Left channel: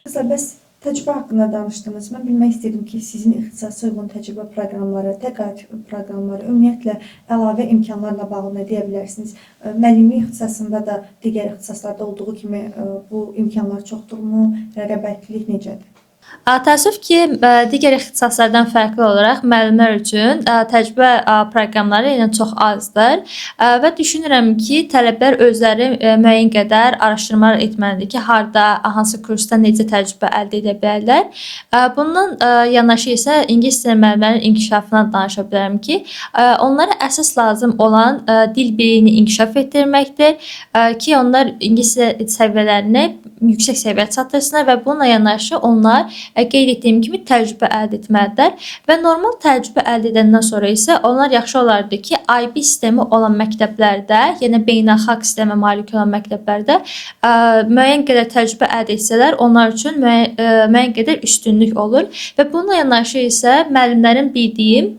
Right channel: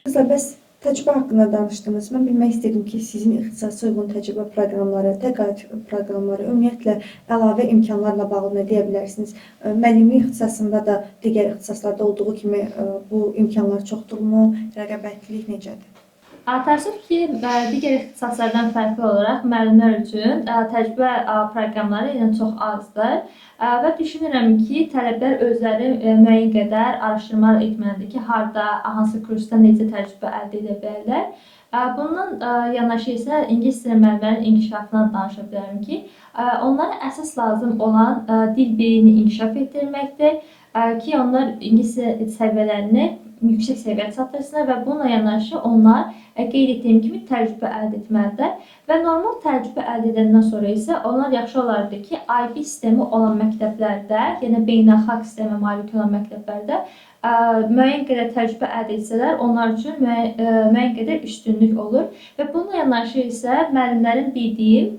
Qızlar, bəs təcrübə haqqında danışdınız. Mən bilmək istəyirdim ki, sizin ixtisasa uyğun təcrübə proqramları, təqaüd proqramları, ümumiyyətlə əlavə imkanlarla bağlı nə deyə bilərsiniz? Müəllimlik ixtisasında da digər ixtisaslarda olduğu kimi bu imkanlar çoxdurmu? Rəqabətlilik necədir? Təəssüf ki, digər ixtisaslardan fərqli olaraq müəllimlər üçün təcrübə proqramları yenə çox azdır və düşünürəm ki, tələbələr özləri müəyyən qədər araşdırmalar etməlidir ki, harda, hansı kursda necə təcrübə əldə edə bilərlər. Bundan yanaşı isə ingilis dili müəllimlərinin inkişafından danışa bilərəm ki, onlara əsas lazım olan dil biliyini inkişaf etdirməkdir ki, onlar ingilis dili səviyyələrini yüksək səviyyəyə çatdırsınlar və bununla yanaşı onlar qeyd etdiyim kimi təcrübə əldə etməlidirlər və normal təcrübə əldə edəndən sonra isə onlar yaxşı olardı ki, IB sistemi olan məktəblərdə, yəni beynəlxalq sistemə malik olan məktəblərdə müəyyən qədər təcrübə əldə etsələr, onlar üçün müəyyən qədər üstünlük olur və bununla yanaşı isə müəllimlərin bildiyi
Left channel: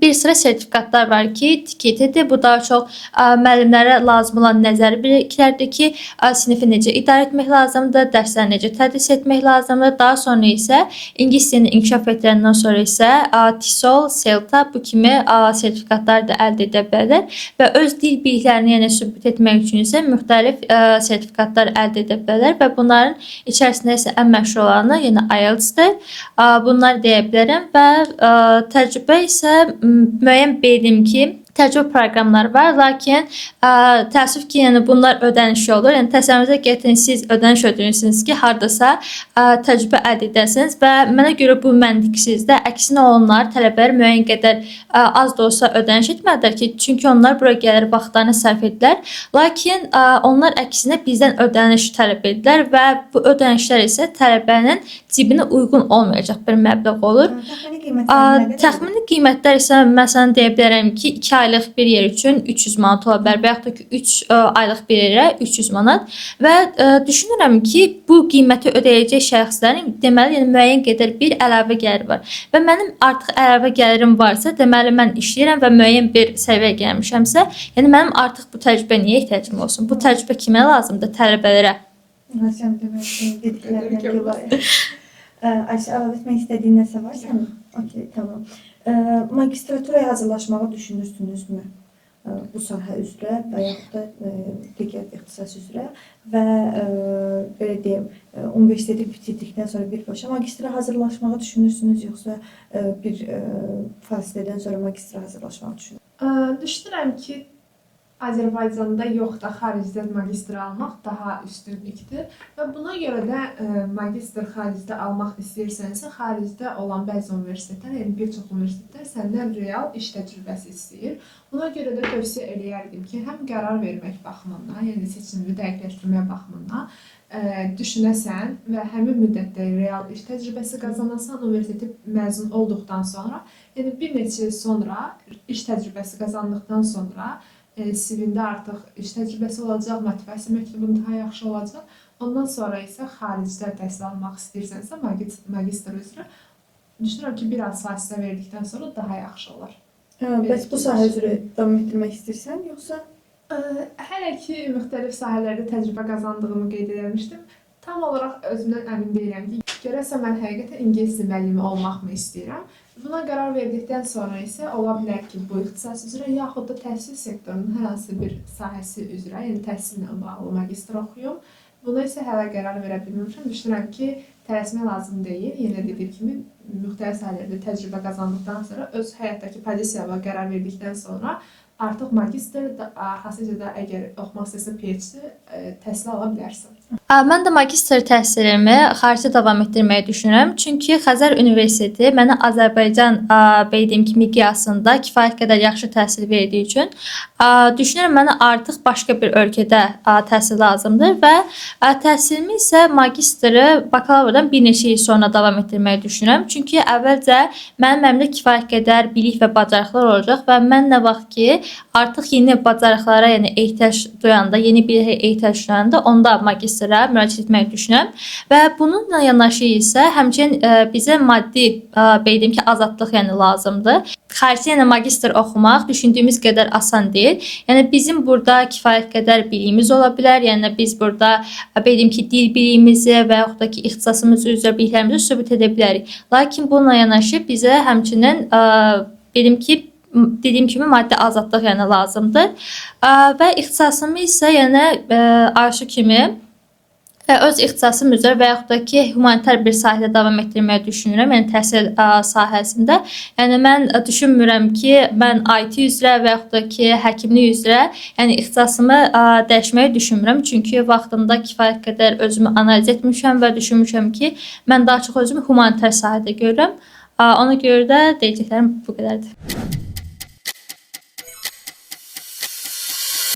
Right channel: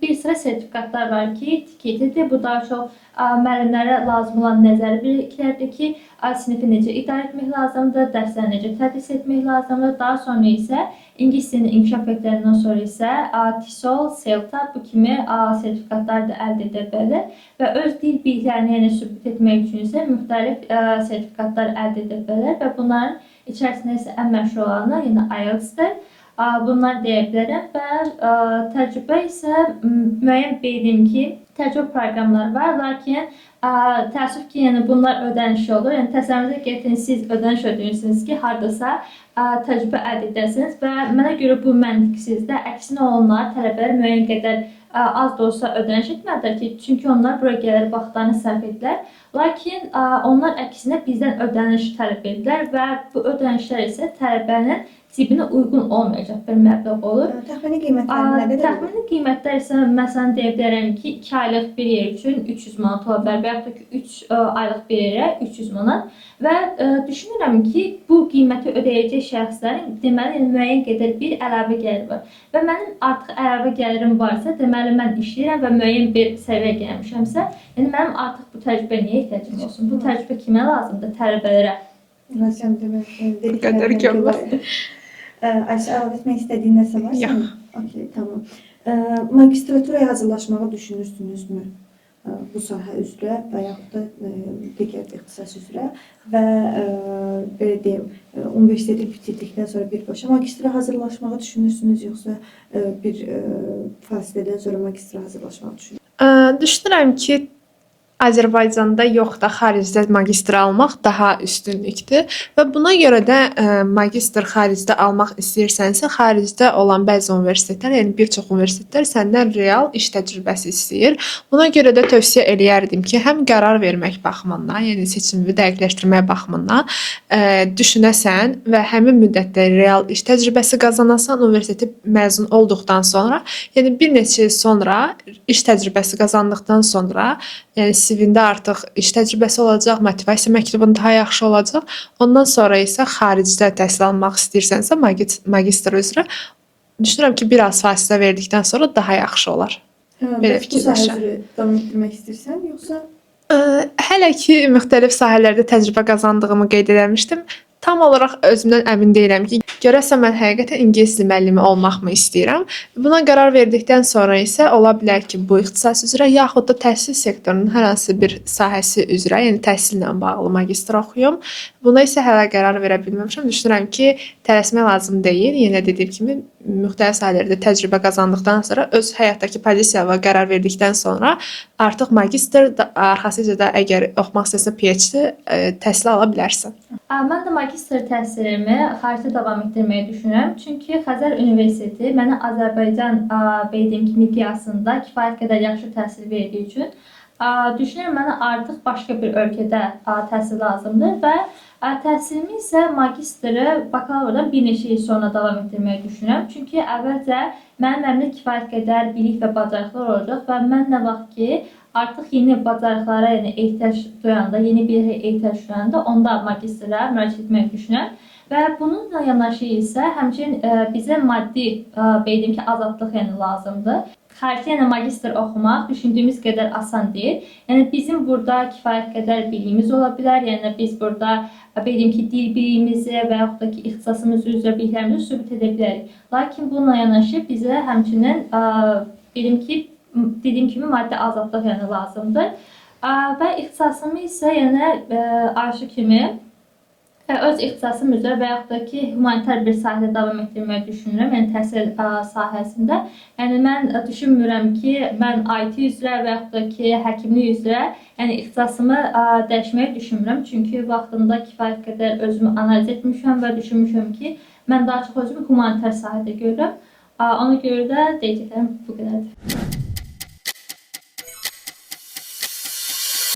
bir sıra sertifikatlar var ki, tiketidir. Bu daha çox müəllimlərə lazım olan nəzəri biliklərdir ki, sinifi necə idarə etmək lazımdır, dərsləri necə tədris etmək lazımdır. Daha sonra isə ingilis dilini inkişaf etdirəndən sonra isə TESOL, CELTA bu kimi sertifikatlar da əldə edə bilərlər və öz dil biliklərini yəni sübut etmək üçün isə müxtəlif sertifikatlar əldə edə bilərlər və bunların içərisində isə ən məşhur olanı yəni IELTS-dir. Bunları deyə bilərəm və təcrübə isə müəyyən bildim ki, təcrübə proqramları var, lakin təəssüf ki, yəni bunlar ödənişli olur. Yəni təsəvvürünüzə gətirin, siz ödəniş ödəyirsiniz ki, hardasa təcrübə əldə edəsiniz və mənə görə bu məntiqsizdir. Əksinə onlar tələbələr müəyyən qədər az da olsa ödəniş etməlidirlər ki, çünki onlar bura gəlir, vaxtlarını sərf edirlər. Lakin onlar əksinə bizdən ödəniş tələb edirlər və bu ödənişlər isə tələbənin cibinə uyğun olmayacaq bir məbləğ olur. Təxmini qiymətlər nədir? Təxmini qiymətlər isə məsələn deyə bilərəm ki, 2 aylıq bir yer üçün 300 manat ola bilər və yaxud da ki 3 aylıq bir yerə 300 manat və düşünürəm ki, bu qiyməti ödəyəcək şəxslərin deməli yəni müəyyən qədər bir əlavə gəlir var və mənim artıq əlavə gəlirim varsa, deməli mən işləyirəm və müəyyən bir səviyyəyə gəlmişəmsə, yəni mənim artıq bu təcrübəyə niyə ehtiyacım olsun? Bu təcrübə kimə lazımdır? Tələbələrə. Sən dediklərindən görə. Ayşə, əlavə etmək istədiyin nəsə varsa? Yox. Okey, tamam. Magistraturaya hazırlaşmağı düşünürsünüzmü? Bu sahə üzrə və yaxud da digər ixtisas üzrə və belə deyim, universiteti bitirdikdən sonra birbaşa magistra hazırlaşmağı düşünürsünüz, yoxsa bir fasilədən sonra magistra hazırlaşmağı düşünürsünüz? Düşünürəm ki, Azərbaycanda yox da xaricdə magistr almaq daha üstünlükdür və buna görə də magistr xaricdə almaq istəyirsənsə, xaricdə olan bəzi universitetlər, yəni bir çox universitetlər səndən real iş təcrübəsi istəyir. Buna görə də tövsiyə eləyərdim ki, həm qərar vermək baxımından, yəni seçimini dəqiqləşdirmək baxımından düşünəsən və həmin müddətdə real iş təcrübəsi qazanasan, universiteti məzun olduqdan sonra, yəni bir neçə il sonra iş təcrübəsi qazandıqdan sonra, yəni CV-ndə artıq iş təcrübəsi olacaq, motivasiya məktubun daha yaxşı olacaq. Ondan sonra isə xaricdə təhsil almaq istəyirsənsə, magistr üzrə düşünürəm ki, biraz fasilə verdikdən sonra daha yaxşı olar. Bəs bu sahə üzrə davam etdirmək istəyirsən, yoxsa? Hələ ki, müxtəlif sahələrdə təcrübə qazandığımı qeyd eləmişdim. Tam olaraq özümdən əmin deyiləm ki, görəsən mən həqiqətən ingilis dili müəllimi olmaqmı istəyirəm. Buna qərar verdikdən sonra isə ola bilər ki, bu ixtisas üzrə yaxud da təhsil sektorunun hər hansı bir sahəsi üzrə, yəni təhsillə bağlı magistr oxuyum. Buna isə hələ qərar verə bilməmişəm. Düşünürəm ki, tələsmək lazım deyil. Yenə dediyim kimi, müxtəlif sahələrdə təcrübə qazandıqdan sonra, öz həyatdakı pozisiyaya qərar verdikdən sonra artıq magistr, arxasıca da əgər oxumaq istəsən PhD təhsil ala bilərsən. Mən də magistr təhsilimi xaricdə davam etdirməyi düşünürəm. Çünki Xəzər Universiteti mənə Azərbaycan bildiyim kimi miqyasında kifayət qədər yaxşı təhsil verdiyi üçün düşünürəm mənə artıq başqa bir ölkədə təhsil lazımdır və təhsilimi isə magistri bakalavrdan bir neçə il sonra davam etdirməyi düşünürəm. Çünki əvvəlcə mənim əlimdə kifayət qədər bilik və bacarıqlar olacaq və mən nə vaxt ki artıq yeni bacarıqlara yəni ehtiyac duyanda, yeni bilikə ehtiyac duyanda onda magistra müraciət etməyi düşünürəm. Və bununla yanaşı isə həmçinin bizə maddi belə deyim ki, azadlıq yəni lazımdır. Xaricdə yəni magistr oxumaq düşündüyümüz qədər asan deyil. Yəni bizim burada kifayət qədər biliyimiz ola bilər. Yəni biz burada belə deyim ki, dil biliyimizi və yaxud da ki, ixtisasımız üzrə biliklərimizi sübut edə bilərik. Lakin bununla yanaşı bizə həmçinin dediyim kimi maddi azadlıq yəni lazımdır. Və ixtisasımı isə yəni arzu kimi öz ixtisasım üzrə və yaxud da ki, humanitar bir sahədə davam etdirməyi düşünürəm, yəni təhsil sahəsində. Yəni mən düşünmürəm ki, mən IT üzrə və yaxud da ki, həkimlik üzrə yəni ixtisasımı dəyişməyi düşünmürəm. Çünki vaxtında kifayət qədər özümü analiz etmişəm və düşünmüşəm ki, mən daha çox özümü humanitar sahədə görürəm. Ona görə də deyəcəklərim bu qədərdir.